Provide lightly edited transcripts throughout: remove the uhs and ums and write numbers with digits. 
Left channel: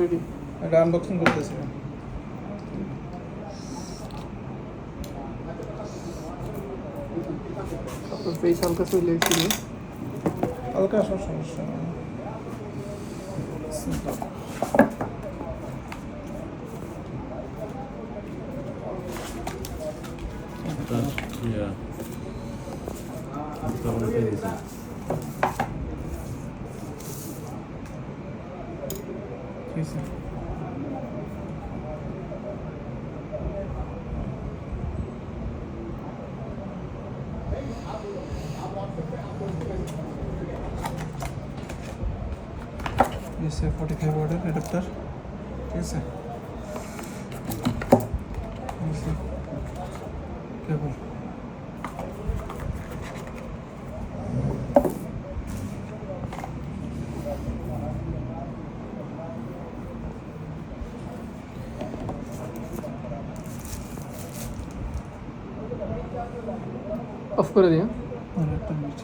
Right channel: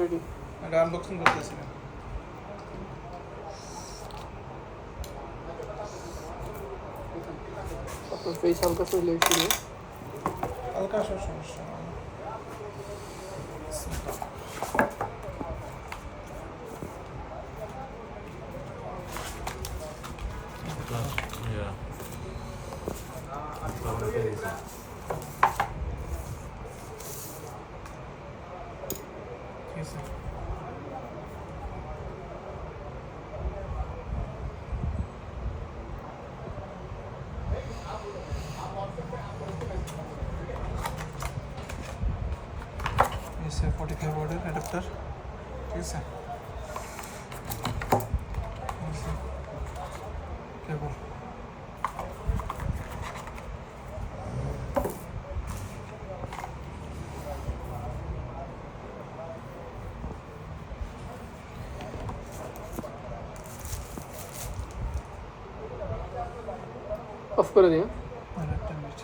Ready. এটা unboxing করতেছি। Face হালকা চলে এসেছে। হালকা সব সমস্যা নেই। Yeah. Probably take this. ঠিক আছে। এসে 45 ওয়াটের অ্যাডাপ্টার, ঠিক আছে। কেবল অফ করে দিও। একটা মিনিট।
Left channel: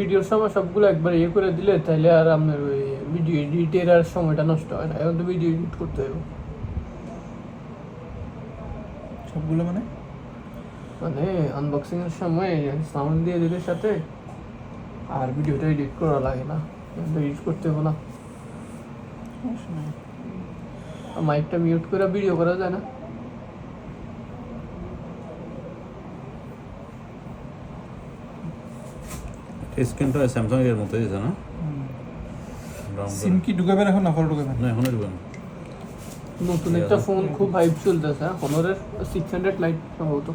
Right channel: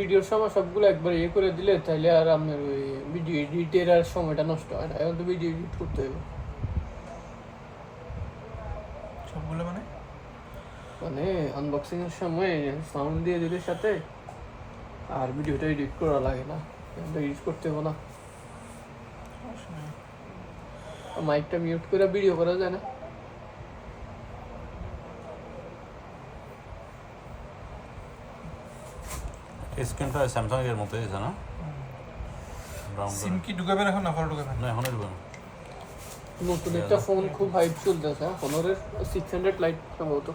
ভিডিওর সময় সবগুলো একবার ইয়ে করে দিলে তাহলে আর আপনার ওই ভিডিও এডিটের আর সময়টা নষ্ট হয় না। এখন তো ভিডিও এডিট করতে হবে, সবগুলো মানে মানে আনবক্সিং এর সময় সাউন্ড দিয়ে দিলে সাথে আর ভিডিওটা এডিট করা লাগে না, এডিট করতে হবে না। সমস্যা নেই। মাইকটা মিউট করে ভিডিও করা যায় না। স্ক্রিনটা স্যামসাং এর মতো দিয়েছে না? সিম কি ঢুকাবেন এখন না ফল ঢুকাবেন? না এখনই দেবেন। নতুন একটা ফোন খুব হাইপ চলতেছে, হনরের 600 লাইট সম্ভবত।